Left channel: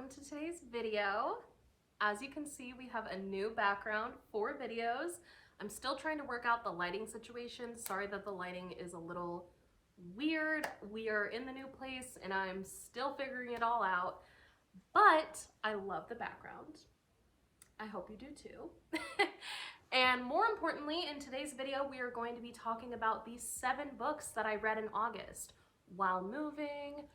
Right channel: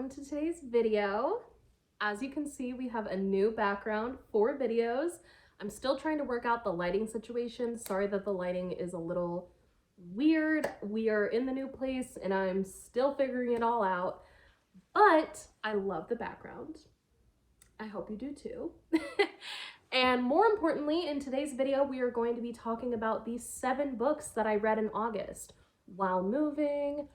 welcome to today's video. As you can see, we have a new background for videos. I'm still trying to work out the lighting situation. Sorry that the lighting is a little weird. We are in the new place and I'm still figuring it all out, but I love the background. I hope you do too. And more importantly, in today's video, we are going to be talking about the 7 books that I read in August while moving,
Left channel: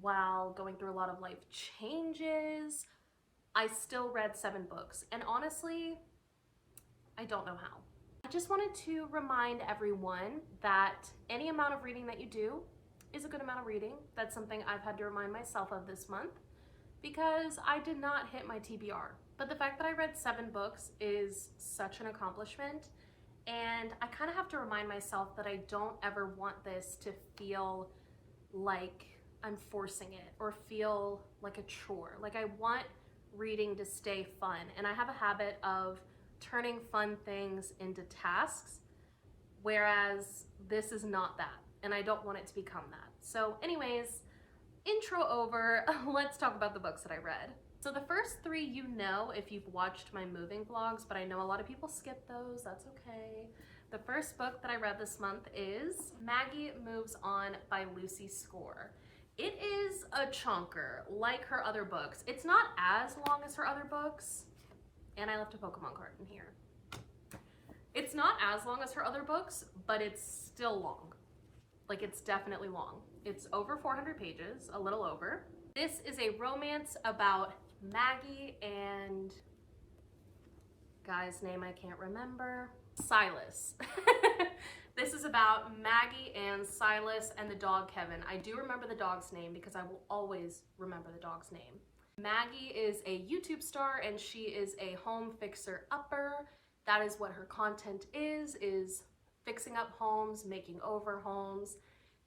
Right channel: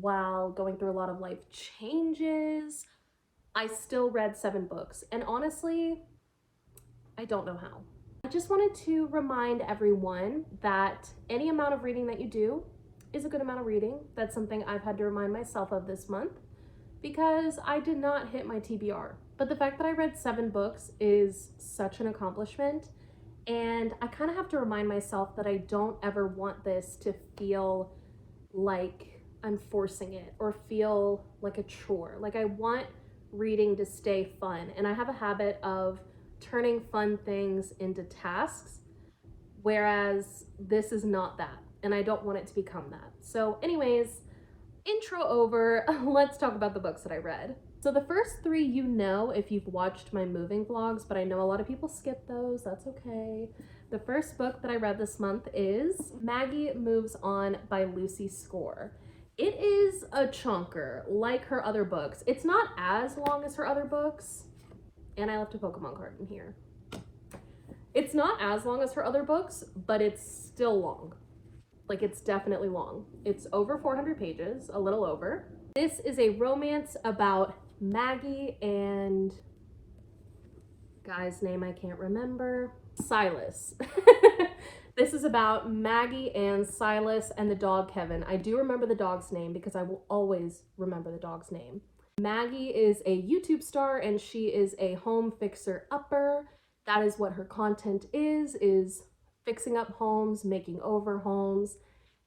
while going through a lot of life changes. I still read 7 books, and honestly, I don't know how. I just wanted to remind everyone that any amount of reading that you do is a good amount of reading. That's something I've had to remind myself of this month because I did not hit my TBR. But the fact that I read 7 books is such an accomplishment, and I kind of have to remind myself that I don't ever want this to feel like I'm forcing it or feel like a chore. Like, I want reading to stay fun, and I have a habit of turning fun things into tasks, whereas this is not that, and I don't want it to become that. So anyways, intro over, let's talk about the books that I read. So the first 3 you know if you've watched my moving vlogs, but I know a lot of people skip those, that's okay. The first book that I read this month is Maggie Moves On by Lucy Score. It is a chunker, like her other books. It's not as long as her other books, and I left a Pokemon card in here. It's not as long as her other books, but it's still long. Like, it's definitely long. It's over 400 pages, a little over. This is a romance about Maggie and guy's name I can't remember. Silas. This is about Maggie and Silas and the dog Kevin. I do remember the dog's name because I will always remember the dog's name. Maggie is a YouTube star and she is a home fixer-upper. That is what her content is fixing up homes, making over homes.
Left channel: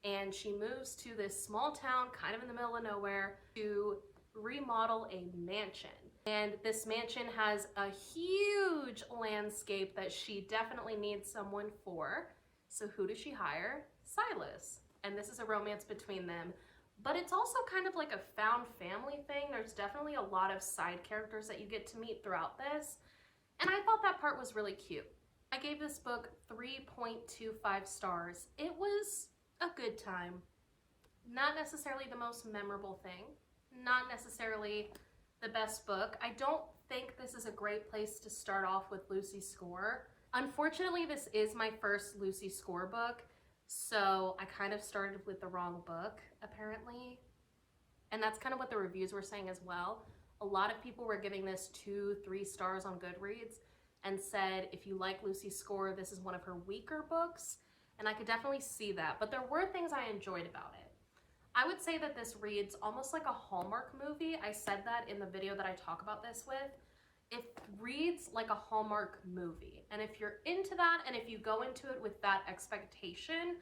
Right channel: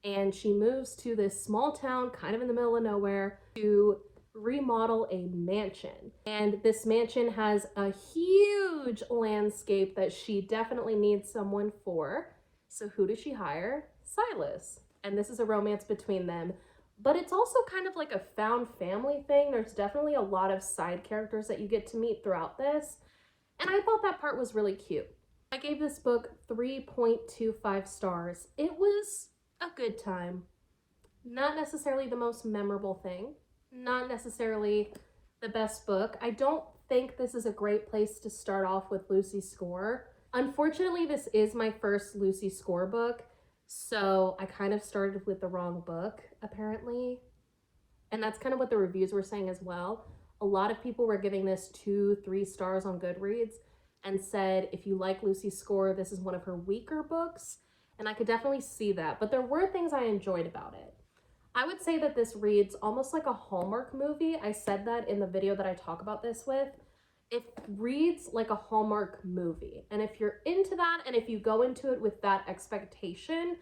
And she moves to this small town kind of in the middle of nowhere to remodel a mansion. And this mansion has a huge landscape that she definitely needs someone for. So who does she hire? Silas. And this is a romance between them. But it's also kind of like a found family thing. There's definitely a lot of side characters that you get to meet throughout this. And I thought that part was really cute. I gave this book 3.25 stars. It was a good time. Not necessarily the most memorable thing. Not necessarily the best book. I don't think this is a great place to start off with Lucy Score. Unfortunately, this is my first Lucy Score book, so I kind of started with the wrong book, apparently. And that's kind of what the reviews were saying as well. A lot of people were giving this 2-3 stars on Goodreads and said, if you like Lucy Score, this is one of her weaker books. And I could definitely see that, but there were things I enjoyed about it. I would say that this reads almost like a Hallmark movie. I said that in the video that I talk about this with. It reads like a Hallmark movie. And if you're into that, and if you go into it with that expectation,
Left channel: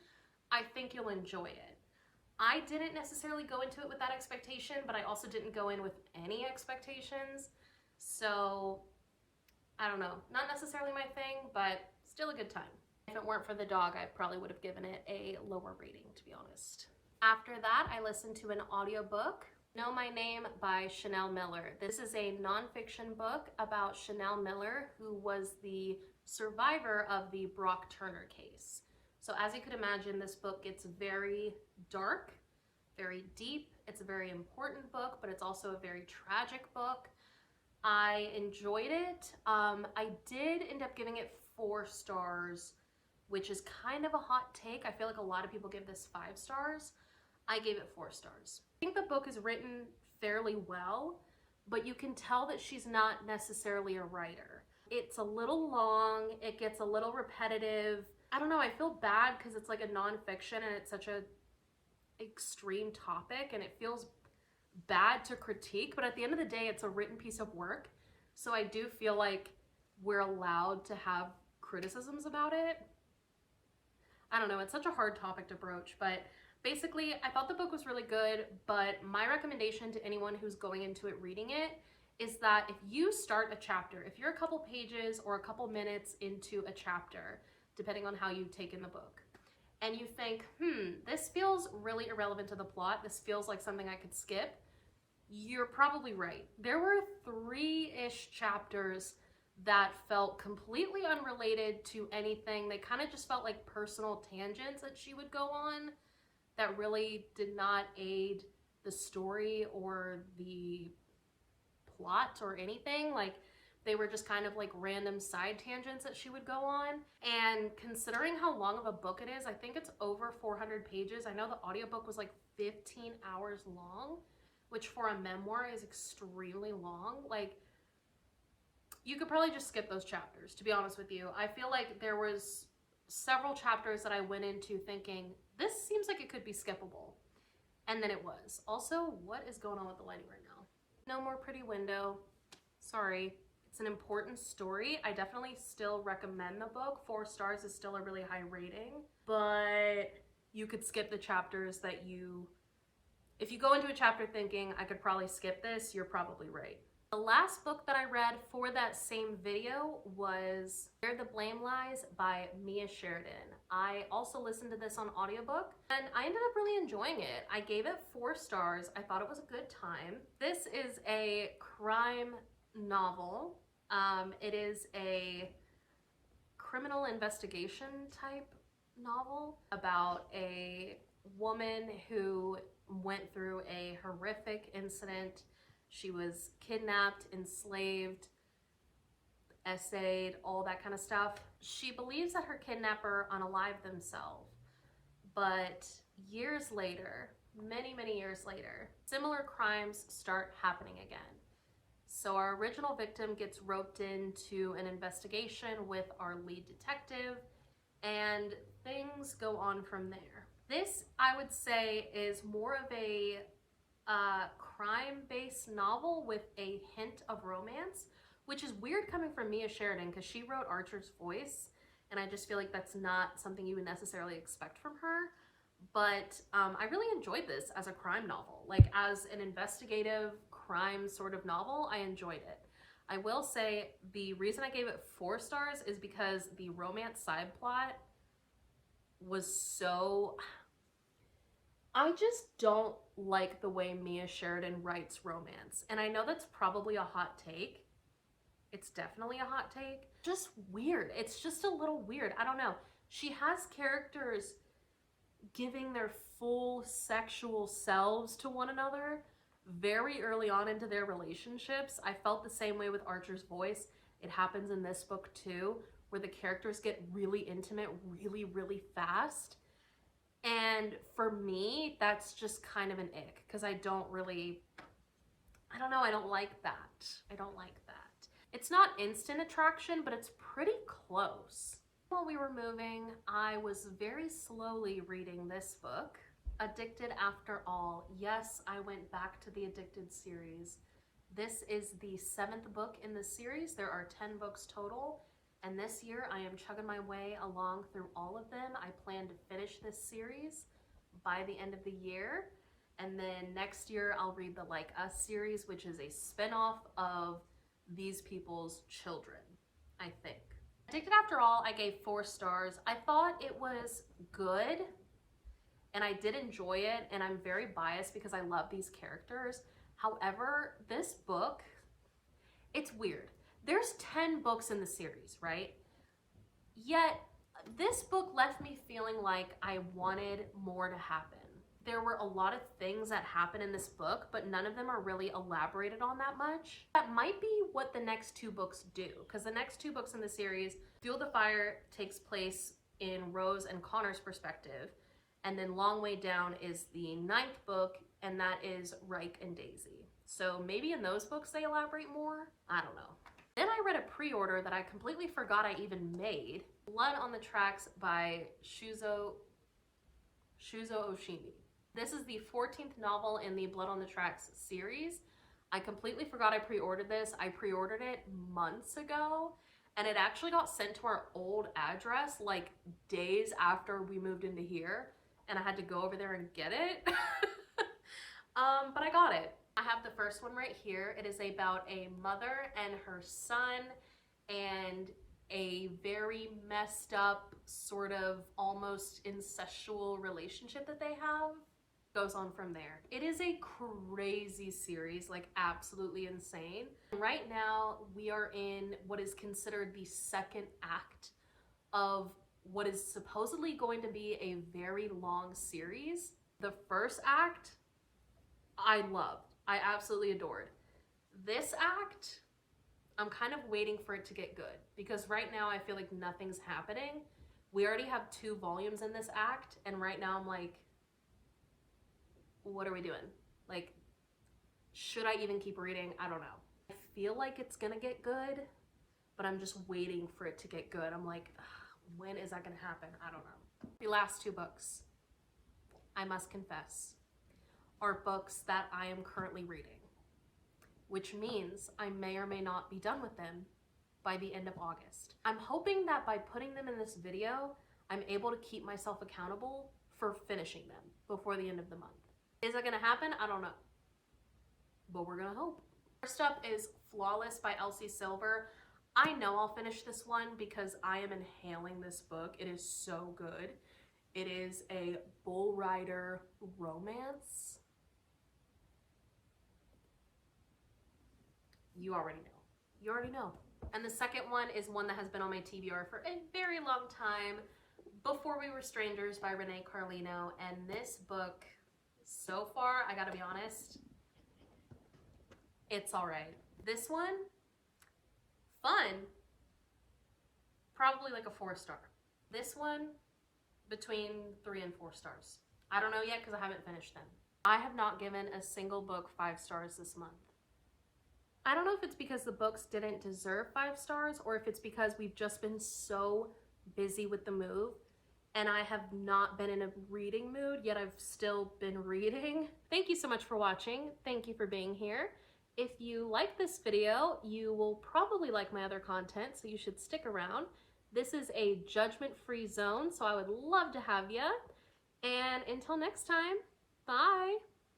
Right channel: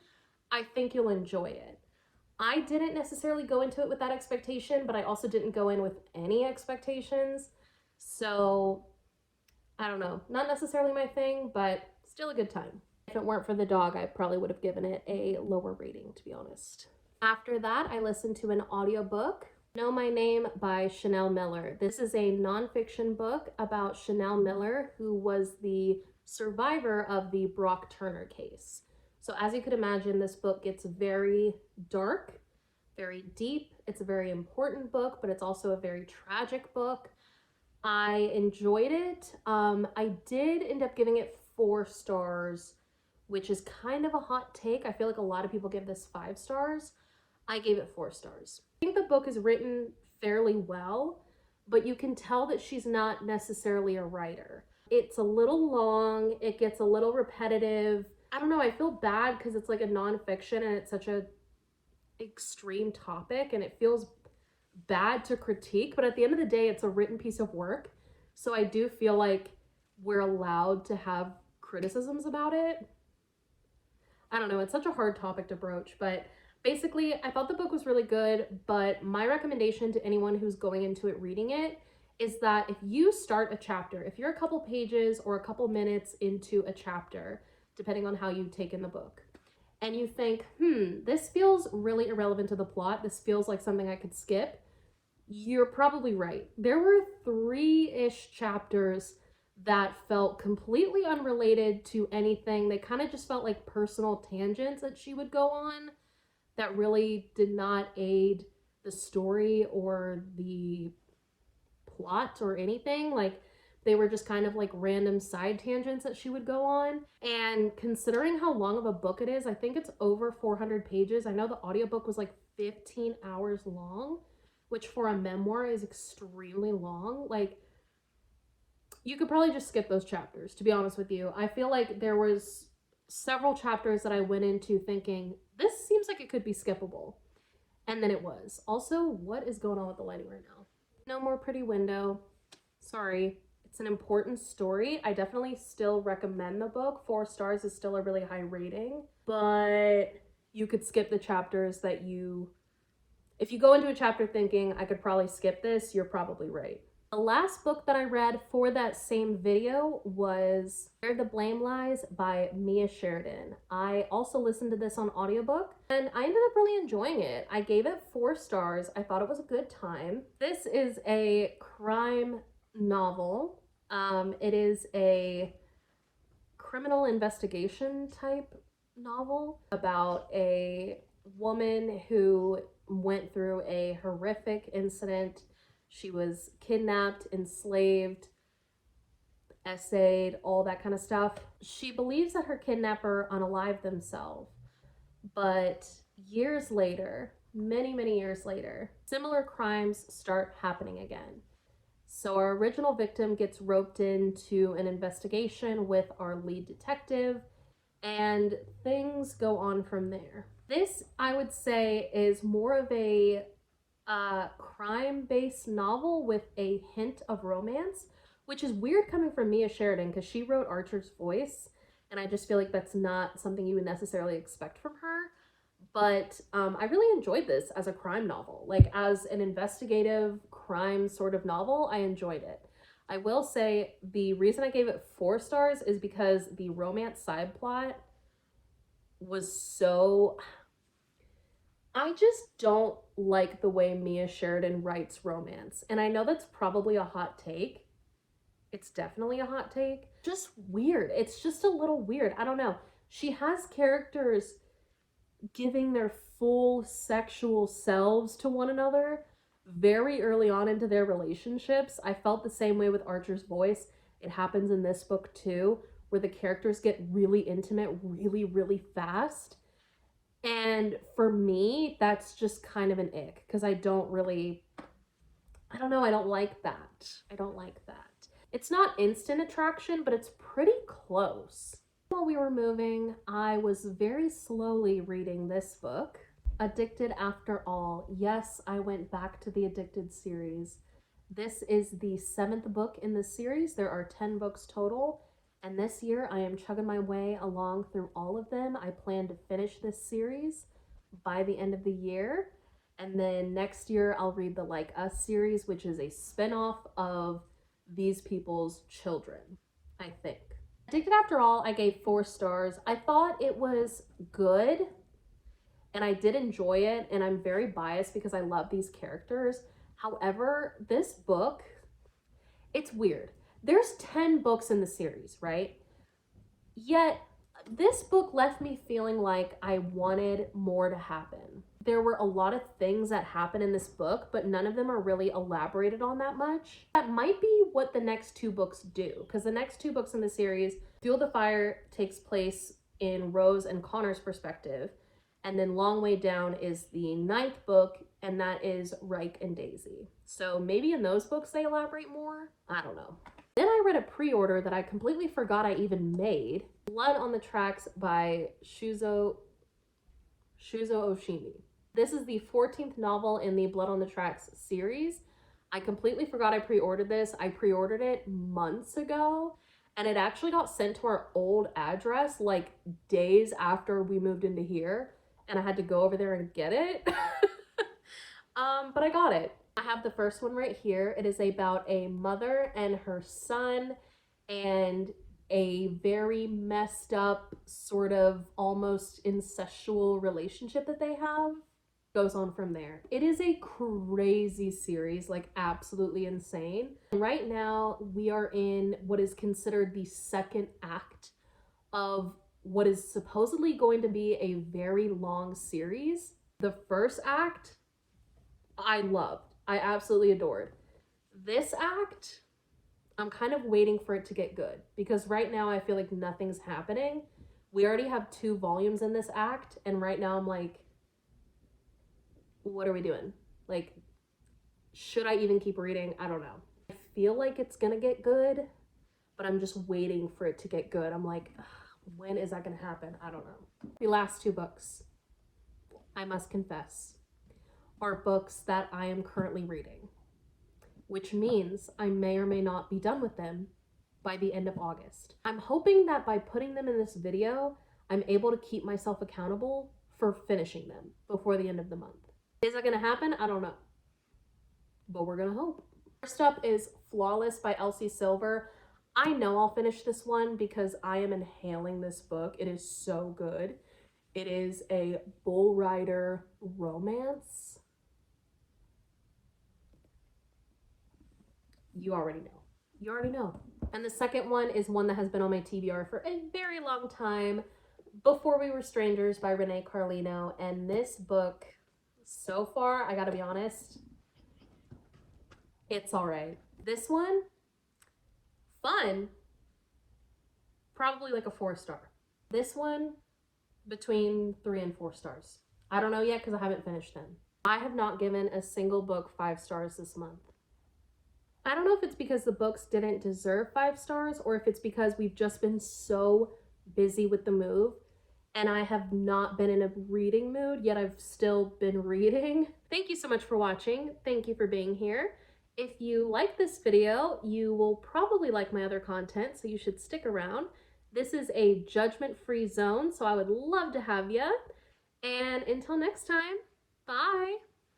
I think you'll enjoy it. I didn't necessarily go into it with that expectation, but I also didn't go in with any expectations. So, I don't know. Not necessarily my thing, but still a good time. If it weren't for the dog, I probably would have given it a lower rating, to be honest. After that, I listened to an audiobook, Know My Name by Chanel Miller. This is a nonfiction book about Chanel Miller, who was the survivor of the Brock Turner case. So as you could imagine, this book gets very dark, very deep. It's a very important book, but it's also a very tragic book. I enjoyed it. I did end up giving it 4 stars, which is kind of a hot take. I feel like a lot of people give this 5 stars. I gave it 4 stars. I think the book is written fairly well, but you can tell that she's not necessarily a writer. It's a little long, it gets a little repetitive. I don't know, I feel bad because it's like a nonfiction and it's such a extreme topic and it feels bad to critique, but at the end of the day, it's a written piece of work. So I do feel like we're allowed to have criticisms about it. I don't know, it's such a hard topic to broach, but basically, I thought the book was really good, but my recommendation to anyone who's going into it reading it is that if you start a chapter, if you're a couple pages or a couple minutes into a chapter, depending on how you take in the book, and you think, this feels really irrelevant to the plot, this feels like something I could skip, You're probably right. There were 3-ish chapters that felt completely unrelated to anything. They kind of just felt like personal tangents that she would go on that really did not aid the story or the plot or anything. Like, they were just kind of like random side tangents that she would go on. And considering how long of a book it is, I think it's over 400 pages. I know the audiobook was like 15 hours long, which for a memoir is extremely long. Like, you could probably just skip those chapters, to be honest with you. I feel like there was several chapters that I went into thinking, this seems like it could be skippable. And then it was. Also, what is going on with the lighting right now? No more pretty window. Sorry. It's an important story. I definitely still recommend the book. 4 stars is still a really high rating, but you could skip the chapters that if you go into a chapter thinking, I could probably skip this, you're probably right. The last book that I read for that same video was Where the Blame Lies by Mia Sheridan. I also listened to this on audiobook and I ended up really enjoying it. I gave it 4 stars. I thought it was a good time. This is a crime novel. It is a criminal investigation type novel about a woman who went through a horrific incident. She was kidnapped, enslaved, essayed, all that kind of stuff. She believes that her kidnapper unalived themselves, but years later, many years later, similar crimes start happening again. So our original victim gets roped into an investigation with our lead detective, and things go on from there. This, I would say, is more of a crime-based novel with a hint of romance, which is weird coming from Mia Sheridan because she wrote Archer's Voice, and I just feel like that's not something you would necessarily expect from her. But I really enjoyed this as a crime novel. Like, as an investigative crime sort of novel, I enjoyed it. I will say the reason I gave it 4 stars is because the romance side plot was so... I just don't like the way Mia Sheridan writes romance. And I know that's probably a hot take. It's definitely a hot take. Just weird. It's just a little weird. I don't know. She has characters giving their full sexual selves to one another very early on into their relationships. I felt the same way with Archer's Voice. It happens in this book too, where the characters get really intimate really fast. And for me, that's just kind of an ick, because I don't like that. I don't like that. It's not instant attraction, but it's pretty close. While we were moving, I was very slowly reading this book, Addicted After All. Yes, I went back to the Addicted series. This is the 7th book in the series. There are 10 books total. And this year, I am chugging my way along through all of them. I plan to finish this series by the end of the year. And then next year, I'll read the Like Us series, which is a spinoff of these people's children, I think. Addicted After All, I gave 4 stars. I thought it was good, and I did enjoy it, and I'm very biased because I love these characters. However, this book, it's weird. There's 10 books in the series, right? Yet, this book left me feeling like I wanted more to happen. There were a lot of things that happen in this book, but none of them are really elaborated on that much. That might be what the next 2 books do, because the next 2 books in the series, Fuel the Fire takes place in Rose and Connor's perspective, and then Long Way Down is the 9th book, and that is Reich and Daisy. So maybe in those books they elaborate more? I don't know. Then I read a pre-order that I completely forgot I even made. Blood on the Tracks by Shuzo Oshimi. This is the 14th novel in the Blood on the Tracks series. I completely forgot I pre-ordered this. I pre-ordered it months ago, and it actually got sent to our old address like days after we moved into here, and I had to go over there and get it. But I got it. I have the first one right here. It is about a mother and her son and a very messed up, sort of almost incestual relationship that they have. goes on from there. It is a crazy series, like absolutely insane. Right now, we are in what is considered the second act of what is supposedly going to be a very long series. The first act, I loved. I absolutely adored. This act, I'm kind of waiting for it to get good because right now I feel like nothing's happening. We already have 2 volumes in this act, and right now I'm like, what are we doing? Like, should I even keep reading? I don't know. I feel like it's gonna get good, but I'm just waiting for it to get good. I'm like, when is that gonna happen? I don't know. The last 2 books, I must confess, are books that I am currently reading, which means I may or may not be done with them by the end of August. I'm hoping that by putting them in this video, I'm able to keep myself accountable for finishing them before the end of the month. Is that gonna happen? I don't know, but we're gonna hope. First up is Flawless by Elsie Silver. I know I'll finish this one because I am inhaling this book. It is so good. It is a bull rider romance. You already know. You already know. And the second one is one that has been on my TBR for a very long time, Before We Were Strangers by Renee Carlino. And this book, so far, I gotta be honest, it's all right. This one, fun, probably like a 4-star. This one, between 3 and 4 stars. I don't know yet because I haven't finished them. I have not given a single book 5 stars this month. I don't know if it's because the books didn't deserve 5 stars or if it's because we've just been so busy with the move and I have not been in a reading mood, yet I've still been reading. Thank you so much for watching. Thank you for being here. If you like this video, you will probably like my other content, so you should stick around. This is a judgment-free zone, so I would love to have you. And until next time, bye.